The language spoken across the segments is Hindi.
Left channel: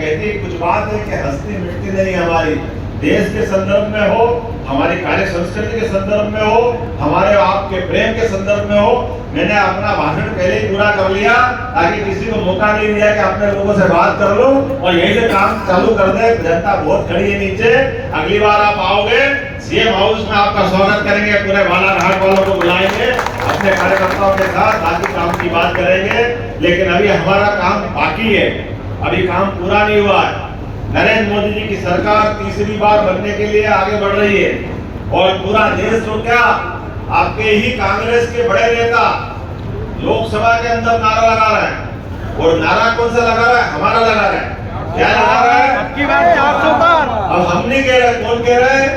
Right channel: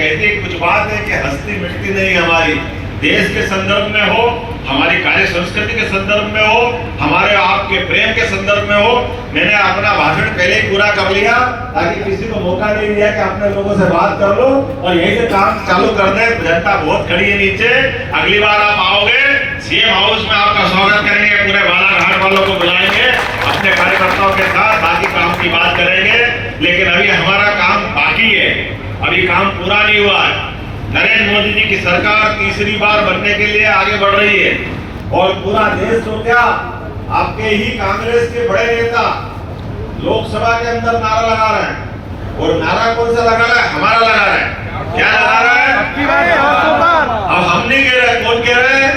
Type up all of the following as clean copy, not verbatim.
कहती है कुछ बात है कि हस्ती मिटती नहीं हमारी, देश के संदर्भ में हो, हमारी कार्य संस्कृति के संदर्भ में हो, हमारे आपके प्रेम के संदर्भ में हो। मैंने अपना भाषण पहले ही पूरा कर लिया ताकि किसी को मौका नहीं दिया कि अपने लोगों से बात कर लो और यहीं से काम चालू कर दे। जनता बहुत खड़ी है नीचे, अगली बार आप आओगे सीएम हाउस में आपका स्वागत करेंगे, पूरे बालाघाट वालों को बुलाएंगे अपने कार्यकर्ताओं के साथ, बाकी काम की बात करेंगे। लेकिन अभी हमारा काम बाकी है, अभी काम पूरा नहीं हुआ है। नरेंद्र मोदी जी की सरकार तीसरी बार बनने के लिए आगे बढ़ रही है और पूरा देश तो क्या, आपके ही कांग्रेस के बड़े नेता लोकसभा के अंदर नारा लगा रहे हैं। और नारा कौन सा लगा रहा है? हमारा लगा रहा है। क्या लगा रहा है? अब हम नहीं कह रहे, कौन कह रहे हैं?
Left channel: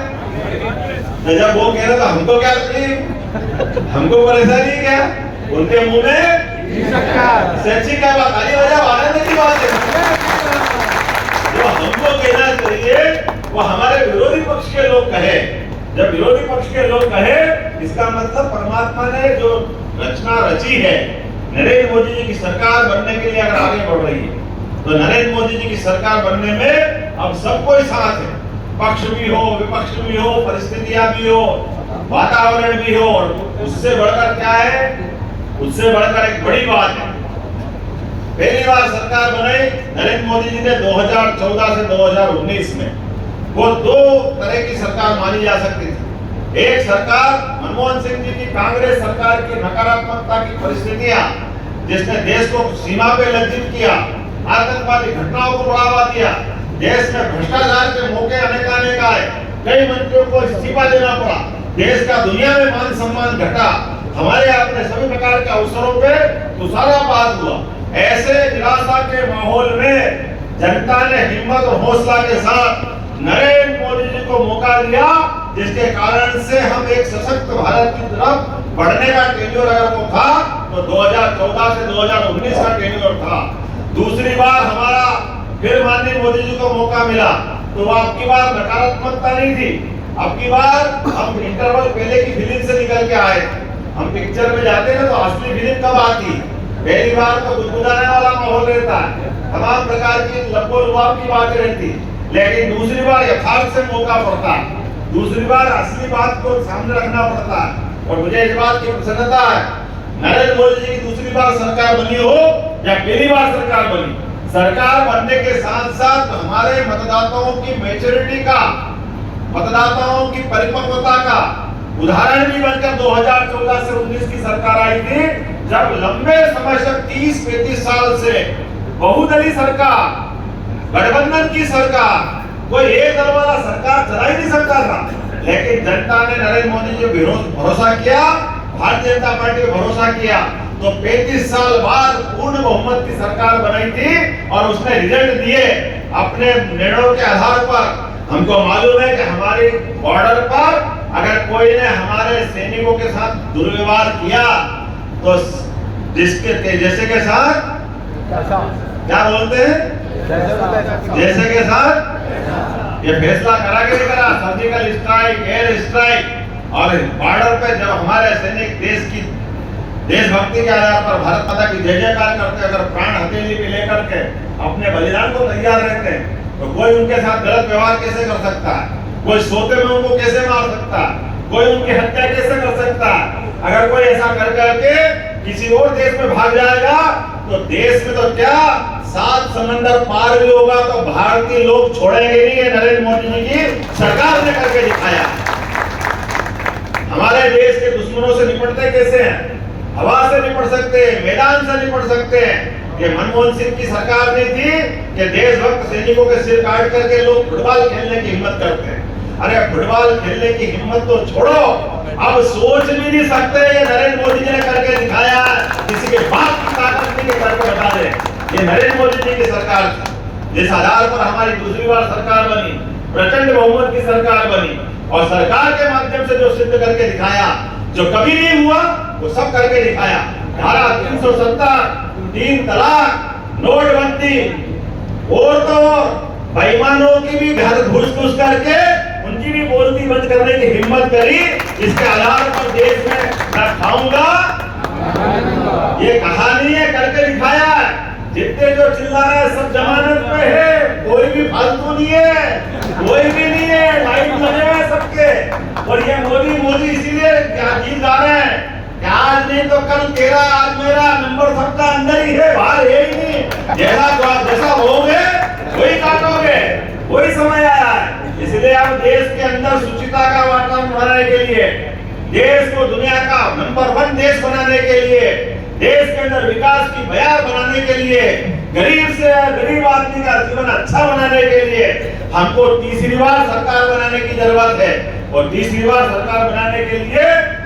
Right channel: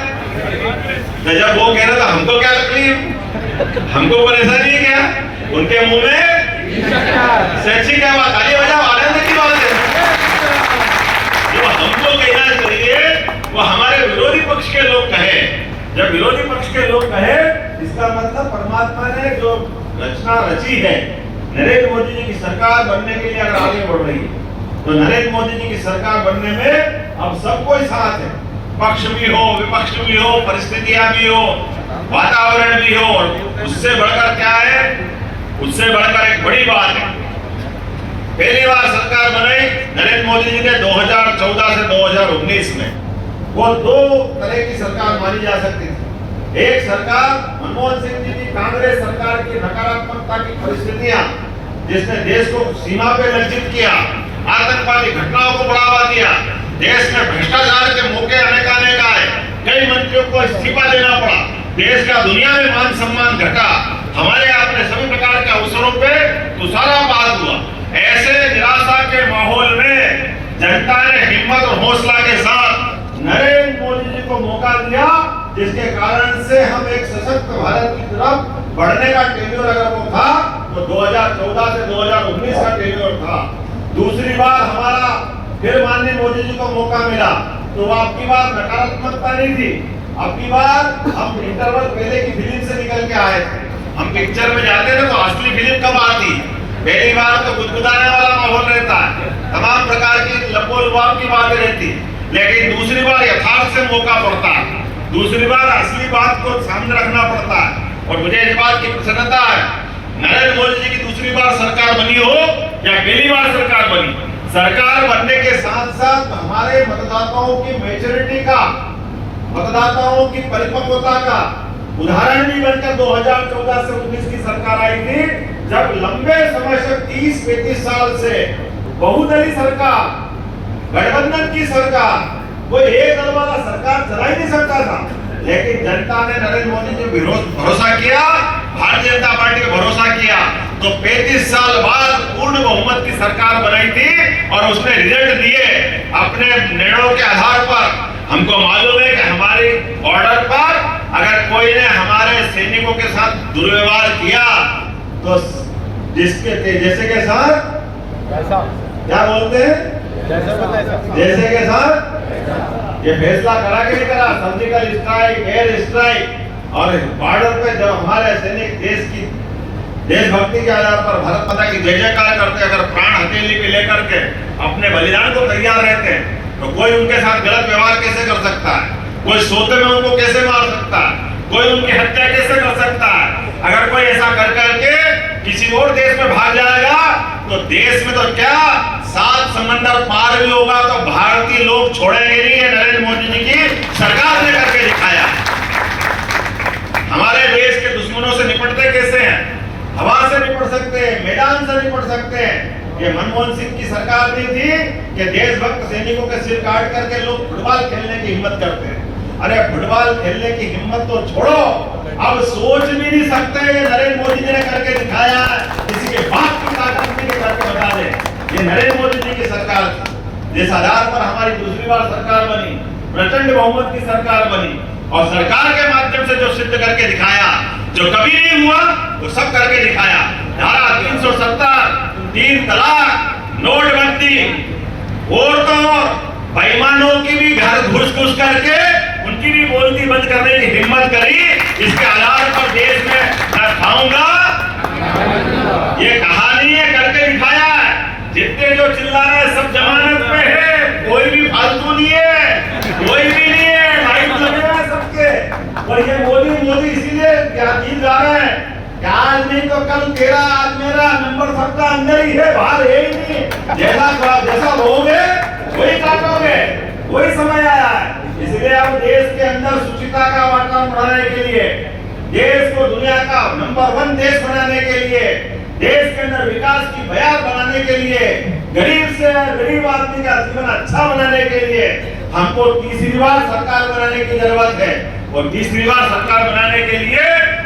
जब वो कह रहे तो हमको क्या तकलीफ, हमको परेशानी है क्या? उनके मुंह में सेक्सी क्या बात, ताली बजाओ, आनंद की बात है। जो हमको कहना चाहिए वो हमारे विरोधी पक्ष के लोग कहे। जब विरोधी पक्ष के लोग कहे, इसका मतलब परमात्मा ने जो रचना रची है, नरेंद्र मोदी जी की सरकार बनने के लिए अगर आगे बढ़ रही है तो नरेंद्र मोदी जी की सरकार बनने में अब सबको ही साथ है। पक्ष भी हो, विपक्ष भी हो, परिस्थितियां भी हो, वातावरण भी हो। और उससे बढ़कर क्या है, उससे बढ़कर एक बड़ी बात है, पहली बार सरकार बनाई नरेंद्र मोदी जी ने 2014 से 2019 में। वो दो तरह की सरकार मानी जा सकती थी। एक सरकार मनमोहन सिंह जी की कांग्रेस सरकार की नकारात्मकता की परिस्थितियां, जिसने देश को सीमा पे लज्जित किया, आतंकवादी घटनाओं को बढ़ावा दिया, देश में भ्रष्टाचार के मौके अनेकानेक आए, कई मंत्रियों को इस्तीफा देना पड़ा, देश का दुनिया में मान सम्मान घटा, हमारे अपने सभी प्रकार के अवसरों पे तुषारापात हुआ। ऐसे निराशा के माहौल में जनता ने हिम्मत और हौसला के साथ नरेंद्र मोदी जी को मौका दिया, जिसके कारण से हम एक सशक्त भारत की तरफ बढ़ने का टेन्योर अगर वो था तो 2014 से 2019 का टेन्योर था। दूसरी बार हमारा फिर माननीय मोदी जी को मौका मिला तो वो आपकी बार नकारात्मकता नहीं थी, आपकी बार हम इंटरवल पहले की फिल्म से निकल के आए थे। हम पिक्चर में जाते थे तो असली फिल्म कब आती, पहली बार तो गुदगुदाने वाला माहौल रहता है, तमाम प्रकार की लपोलुआब की बातें रहती, लेकिन दूसरी बार यथार्थ से मौका पड़ता है, दूसरी बार असली बात को सामने रखना पड़ता है। और मुझे इस बात की प्रसन्नता है, नरेंद्र मोदी जी की दूसरी बार सरकार बनी हो या पहली बार सरकार बनी, सरकार बनने के साथ साथ हमारे मतदाताओं की मैच्योरिटी का, मतदाताओं की परिपक्वता का उदाहरण भी बनकर 2014 से 19 की सरकार आई थी, जब लंबे समय से 30-35 साल से बहुदलीय सरकार, गठबंधन की सरकार, कोई एक दल वाला सरकार चला ही नहीं सकता था। लेकिन जनता ने नरेंद्र मोदी जी पर भरोसा किया, भारतीय जनता पार्टी पे भरोसा किया, तो 35 साल बाद पूर्ण बहुमत की सरकार बनाई थी और उसने रिजल्ट दिए अपने निर्णयों के आधार पर। हमको मालूम है कि हमारे बॉर्डर पर अगर कोई ने हमारे सैनिकों के साथ दुर्व्यवहार किया तो जिसके जैसे के साथ क्या बोलते हैं, जैसे के साथ, ये फैसला करा के नहीं करा, सर्जिकल स्ट्राइक, एयर स्ट्राइक। और बॉर्डर पे जब हमारे सैनिक देश की देशभक्ति के आधार पर भारत माता की जय जयकार करते, अगर प्राण हथेली पे लेकर के अपने बलिदान को तैयार रहते हैं, तो कोई उनके साथ गलत व्यवहार कैसे कर सकता है, कोई सोते में उनको कैसे मार सकता है, कोई उनकी हत्या कैसे कर सकता है। अगर कोई ऐसा कर करके किसी और देश में भाग जाएगा तो देश में तो क्या 7 समंदर पार भी होगा तो भारतीय लोग छोड़ेंगे नहीं। है नरेंद्र मोदी जी की सरकार ने करके दिखाया। हमारे देश के दुश्मनों से निपटते कैसे हैं, हवा से निपट सकते हैं, मैदान से निपट सकते हैं। ये मनमोहन सिंह की सरकार नहीं थी कि देशभक्त सैनिकों के सिर काट करके लोग फुटबॉल खेलने की हिम्मत करते हैं। अरे फुटबॉल खेलने की हिम्मत तो छोड़ो, अब सोच भी नहीं सकते। नरेंद्र मोदी जी ने करके दिखाया, किसी के बाप की ताकत नहीं करके बता दे। ये नरेंद्र मोदी जी की सरकार, जिस आधार पर हमारी दूसरी बार सरकार बनी, प्रचंड बहुमत की सरकार बनी, और सरकार के माध्यम से जो सिद्ध करके दिखाया, जो कभी नहीं हुआ वो सब करके दिखाया। धारा 370, 3 तलाक, नोटबंदी, और तो बेईमानों की भी घर घुस करके उनकी भी बोलती बंद करने की हिम्मत करी। इसके आधार पर देश में मैं खाऊंगा, ये कहानी है, करके दिखाया है। जितने जो चिल्ला रहे हैं सब जमानत पे है, कोई भी फालतू नहीं है, कोई भी नहीं है, लाइट लगे हैं सबके। और ये मोदी मोदी इसीलिए क्या गीत गा रहे हैं कि आज नहीं तो कल तेरा, आज मेरा, नंबर सबका अंदर ही है, बाहर है ही नहीं। जैसा लोगे वही काटोगे, वही समय आया है। इसलिए अब देश के अंदर सुचिता का वातावरण बनाने के लिए, देश को दुनिया का नंबर 1 देश बनाने के लिए, देश के अंदर विकास की बयार बनाने के लिए, गरीब से गरीब आदमी का जीवन अच्छा बनाने के लिए हमको तीसरी बार सरकार बनाने की जरूरत है। और तीसरी बार सरकार बनाने के लिए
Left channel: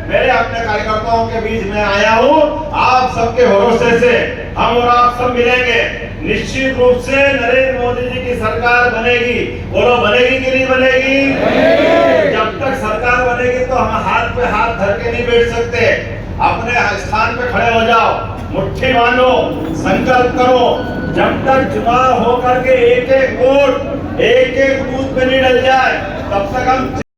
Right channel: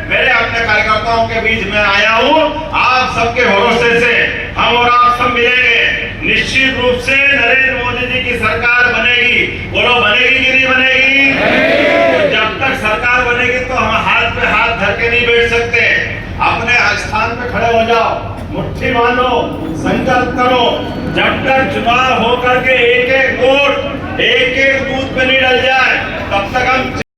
मेरे अपने कार्यकर्ताओं के बीच में आया हूँ। आप सबके भरोसे से हम और आप सब मिलेंगे। निश्चित रूप से नरेंद्र मोदी जी की सरकार बनेगी। बोलो, बनेगी कि नहीं बनेगी? जब तक सरकार बनेगी तो हम हाथ पे हाथ धर के नहीं बैठ सकते। अपने स्थान पे खड़े हो जाओ, मुट्ठी बांधो, संकल्प करो। जब तक चुनाव होकर के एक एक वोट